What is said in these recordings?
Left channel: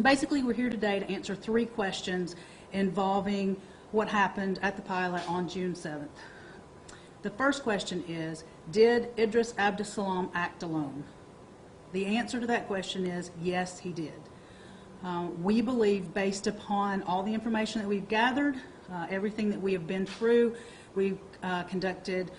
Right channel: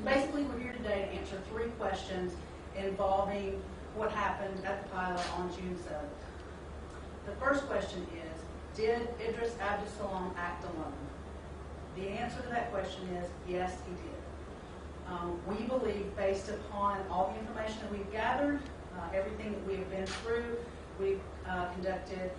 Basically, we're here today to answer 3 questions involving what happened at the pilot on June 7th. The first question is, did Idris Abdus-Salaam act alone? The answer to that question is yes, he did. We believe, based upon all the information that we've gathered, everything that we have been through, we've conducted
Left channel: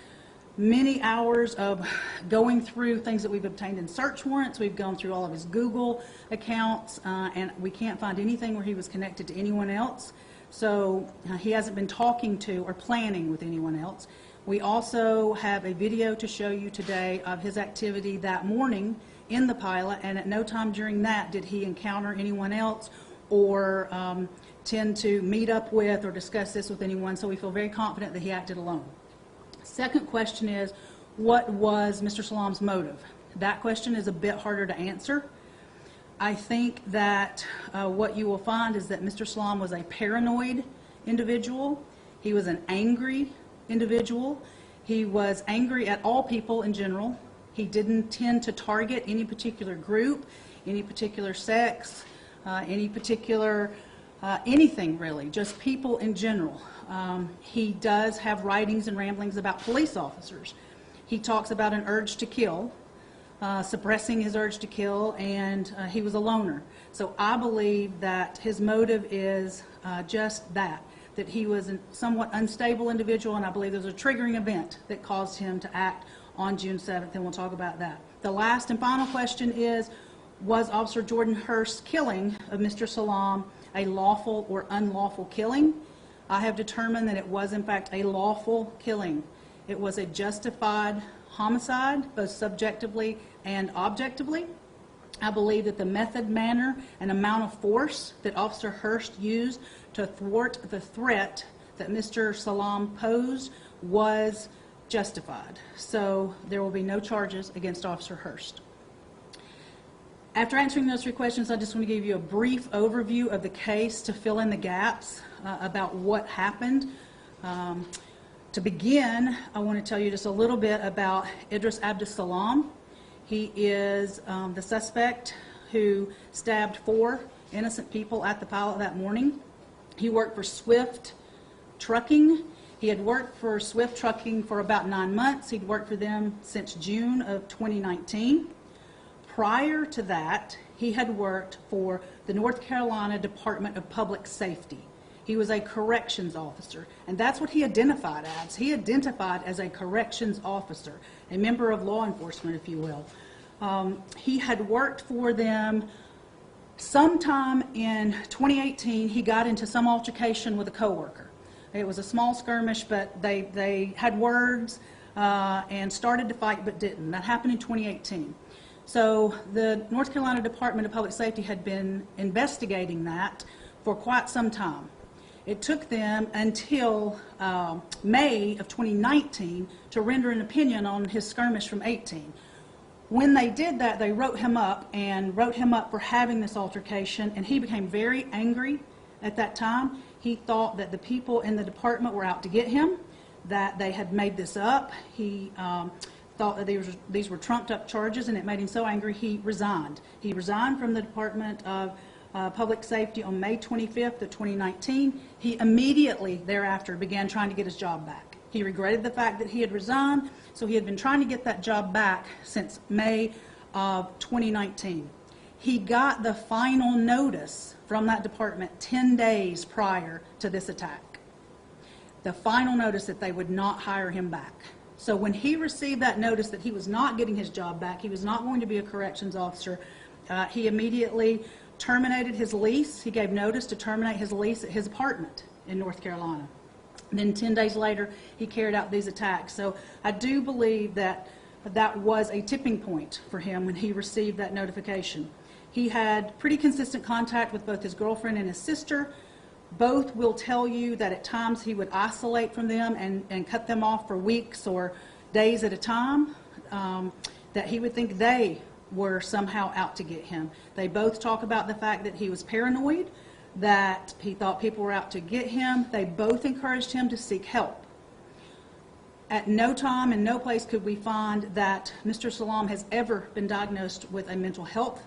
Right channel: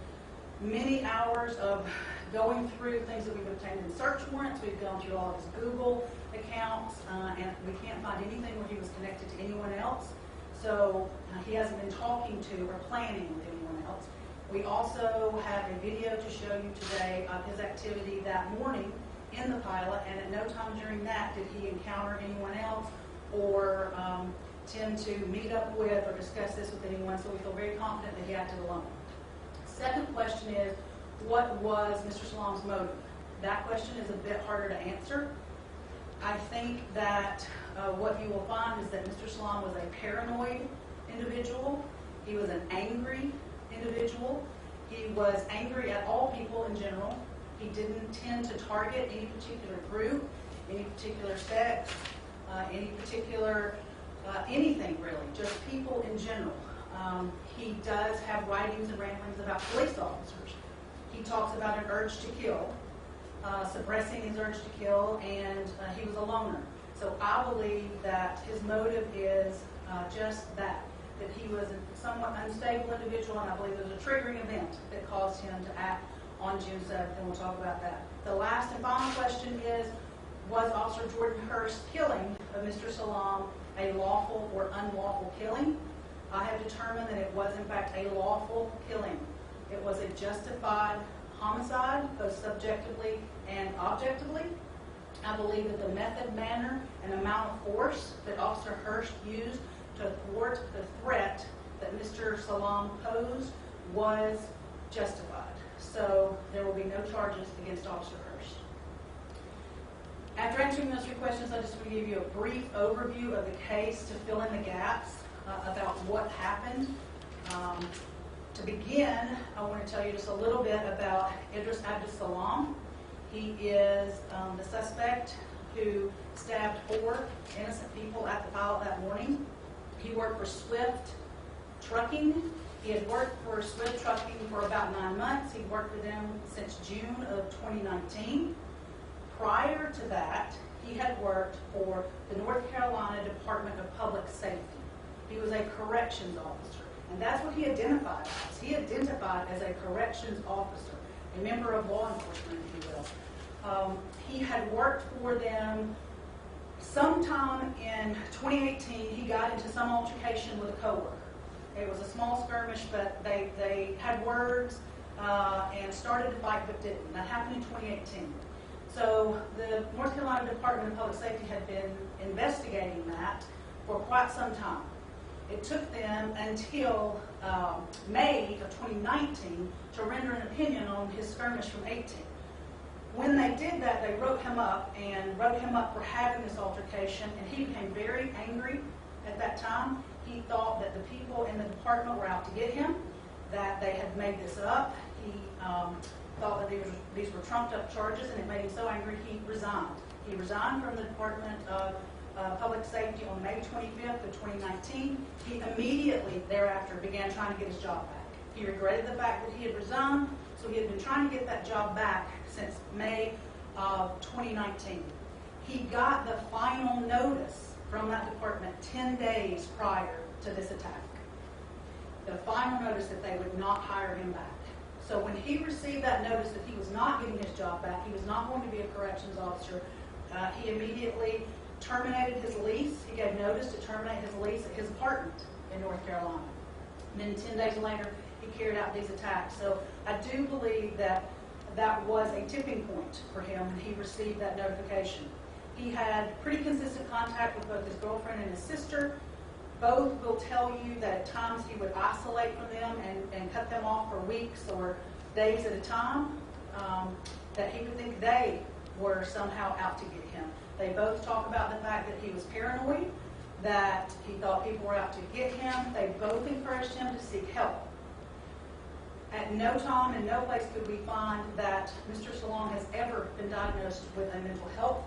many hours of going through things that we've obtained in search warrants. We've gone through all of his Google accounts, and we can't find anything where he was connected to anyone else. So he hasn't been talking to or planning with anyone else. We also have a video to show you today of his activity that morning in the pilot, and at no time during that did he encounter anyone else or tend to meet up with or discuss this with anyone, so we feel very confident that he acted alone. Second question is, what was Mr. Salaam's motive? That question is a bit harder to answer. I think that what you will find is that Mr. Salaam was a paranoid individual. He was an angry individual. He was angry at all people in general. He didn't tend to target any particular group, any particular sex, any particular anything really, just people in general. He does have writings and ramblings about police officers. He talks about an urge to kill, suppressing his urge to kill, and he was a loner. So I believe that his motive is just that he was a somewhat unstable individual, and I believe there's a triggering event that caused him to act on June 7th, and we'll talk about that. The last and final question is, was Officer Jordan Hurst's killing of Mr. Salaam a lawful or unlawful killing? I have determined that it was in fact a lawful killing. It was a justified homicide, both subjectively and objectively. I believe that the method, manner, and amount of force that Officer Hurst used to thwart the threat that Mr. Salaam posed was justified. So there will be no charges against Officer Hurst. After answering those 3 questions, I just want to give you a brief overview of the case to fill in the gaps about what happened. To begin, I want to tell you just a little bit about Idris Abdus-Salaam. He is the suspect who stabbed 4 innocent people at the pilot that morning. He worked for Swift Trucking. He had worked for Swift Trucking for about 9 months. He'd worked for them since June of 2019. Prior to that, he had worked for the North Carolina Department of Public Safety. He was a corrections officer, and that's what he identified as. He identified as a corrections officer, a member of law enforcement, if you will. He had worked for them sometime in 2018. He got into some altercation with a coworker. It was a small skirmish, but they had words and started to fight but didn't. That happened in 2018. So the North Carolina Department of Public Safety had been investigating that for quite some time. It took them until May of 2019 to render an opinion on his skirmish from 18. When they did that, they wrote him up for having this altercation, and he became very angry at that time. He thought that the people in the department were out to get him, that they had made this up. He thought that these were trumped up charges, and it made him so angry he resigned. He resigned from the Department of Public Safety on May 25th of 2019. He immediately thereafter began trying to get his job back. He regretted the fact that he had resigned, so he had been trying to get that job back since May of 2019. He got the final notice from that department 10 days prior to this attack. The final notice that they would not hire him back. So when he received that notice that he was not getting his job back, he was not going to be a corrections officer, he immediately terminated his lease. He gave notice to terminate his lease at his apartment in North Carolina. And then 10 days later, he carried out these attacks. So I do believe that that was a tipping point for him when he received that notification. He had pretty consistent contact with both his girlfriend and his sister. Both will tell you that at times he would isolate from them and cut them off for weeks or days at a time, that he would think they were somehow out to get him. They both talk about the fact that he was paranoid, that he thought people were out to get him. They both encouraged him to seek help. At no time and no place could we find that Mr. Salaam has ever been diagnosed with a mental health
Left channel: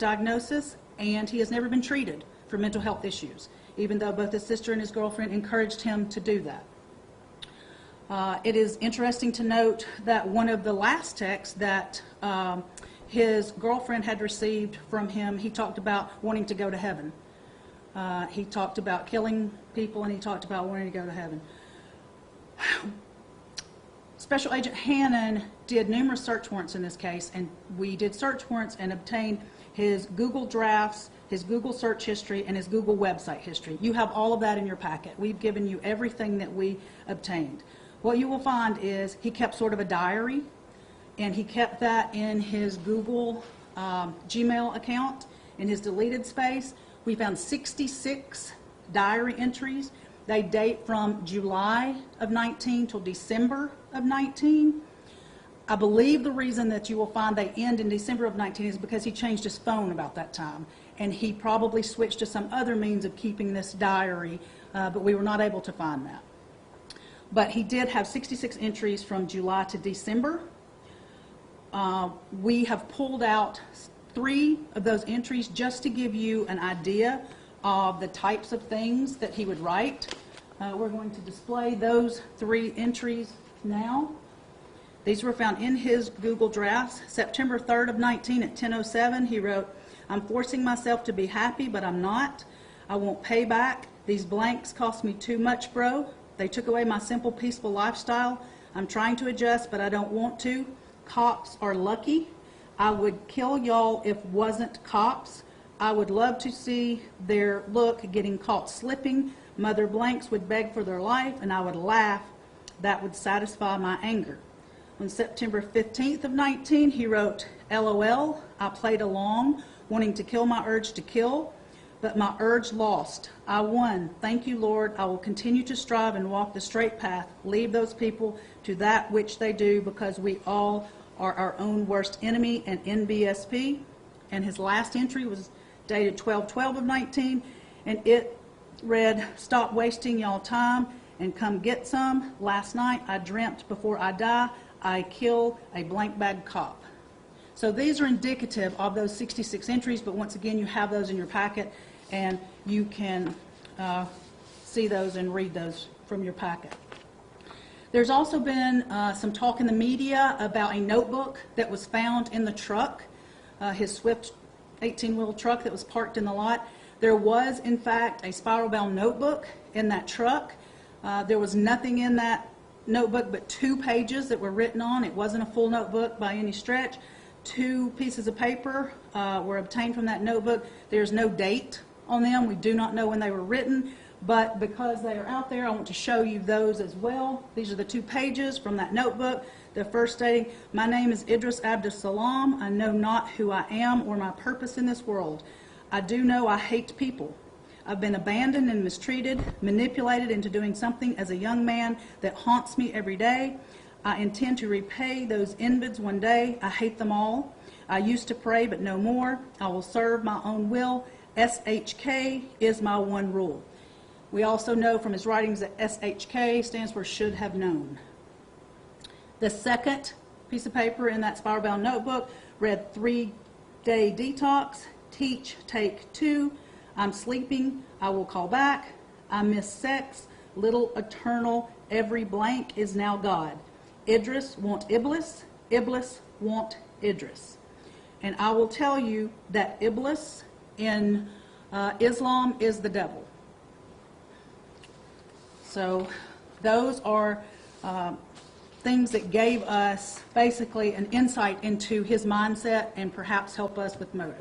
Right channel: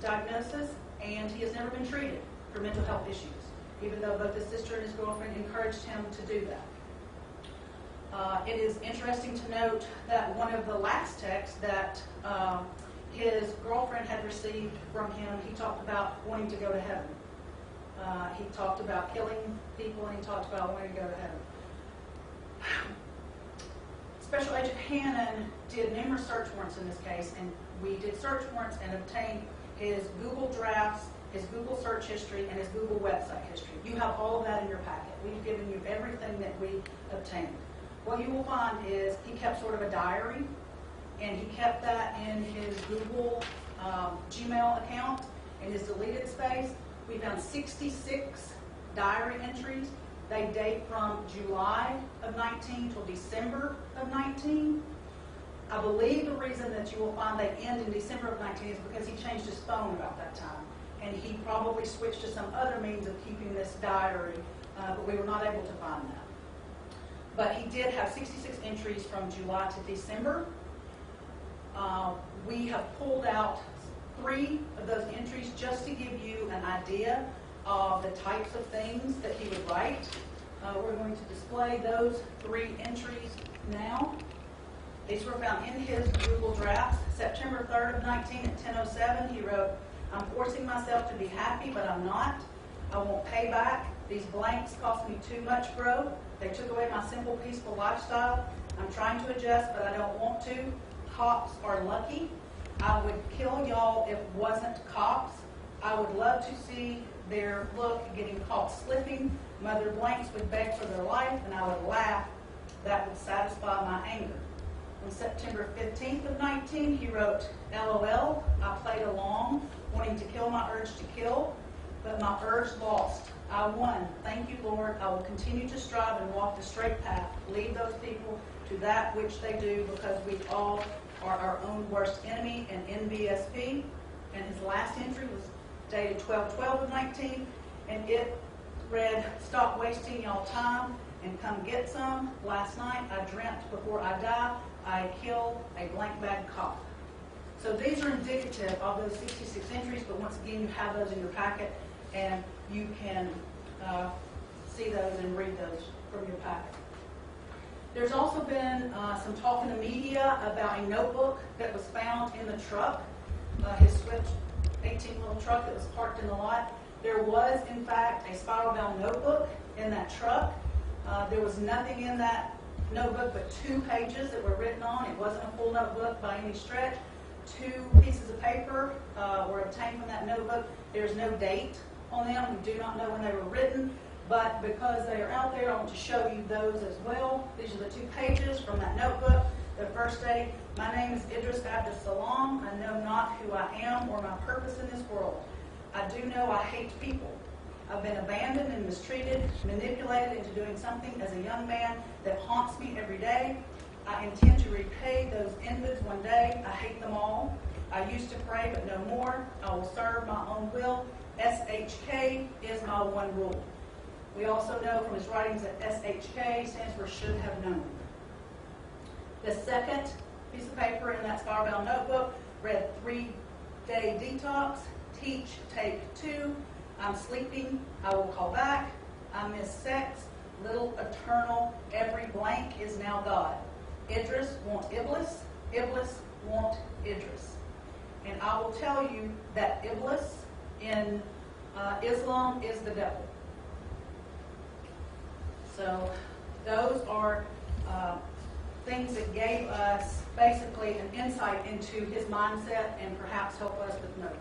diagnosis, and he has never been treated for mental health issues, even though both his sister and his girlfriend encouraged him to do that. It is interesting to note that one of the last texts that his girlfriend had received from him, he talked about wanting to go to heaven. He talked about killing people, and he talked about wanting to go to heaven. Special Agent Hannon did numerous search warrants in this case, and we did search warrants and obtained his Google drafts, his Google search history, and his Google website history. You have all of that in your packet. We've given you everything that we obtained. What you will find is he kept sort of a diary, and he kept that in his Google Gmail account in his deleted space. We found 66 diary entries. They date from July of 19 till December of 19. I believe the reason that you will find they end in December of 19 is because he changed his phone about that time, and he probably switched to some other means of keeping this diary, but we were not able to find that. But he did have 66 entries from July to December. We have pulled out 3 of those entries just to give you an idea of the types of things that he would write. We're going to display those 3 entries now. These were found in his Google drafts. September 3rd of 19 at 10:07, he wrote, "I'm forcing myself to be happy, but I'm not. I won't pay back. These blanks cost me too much, bro. They took away my simple, peaceful lifestyle. I'm trying to adjust, but I don't want to. Cops are lucky. I would kill y'all if wasn't cops. I would love to see their look getting caught slipping. Mother blanks would beg for their life, and I would laugh. That would satisfy my anger." On September 15th of 19, he wrote, "LOL, I played along, wanting to kill my urge to kill, but my urge lost. I won. Thank you, Lord. I will continue to strive and walk the straight path. Leave those people to that which they do, because we all are our own worst enemy, and NBSP." And his last entry was dated 12/12 of 19, and it read, "Stop wasting y'all time and come get some. Last night I dreamt before I die, I kill a blank bag cop." So these are indicative of those 66 entries, but once again, you have those in your packet, and you can see those and read those from your packet. There's also been some talk in the media about a notebook that was found in the truck, his Swift 18-wheel truck that was parked in the lot. There was, in fact, a spiral-bound notebook in that truck. There was nothing in that notebook but 2 pages that were written on. It wasn't a full notebook by any stretch. 2 pieces of paper were obtained from that notebook. There's no date on them. We do not know when they were written, but because they are out there, I want to show you those as well. These are the 2 pages from that notebook. The first stating, "My name is Idris Abdus-Salaam. I know not who I am or my purpose in this world. I do know I hate people. I've been abandoned and mistreated, manipulated into doing something as a young man that haunts me every day. I intend to repay those invids one day. I hate them all. I used to pray, but no more. I will serve my own will. SHK is my one rule." We also know from his writings that SHK stands for should have known. The second piece of paper in that spiral-bound notebook read, "3-day detox, teach, take 2. I'm sleeping, I will call back. I miss sex, little eternal, every blank is now God. Idris want Iblis, Iblis want Idris." And I will tell you that Iblis in Islam is the devil. So those are things that gave us basically an insight into his mindset and perhaps help us with motive.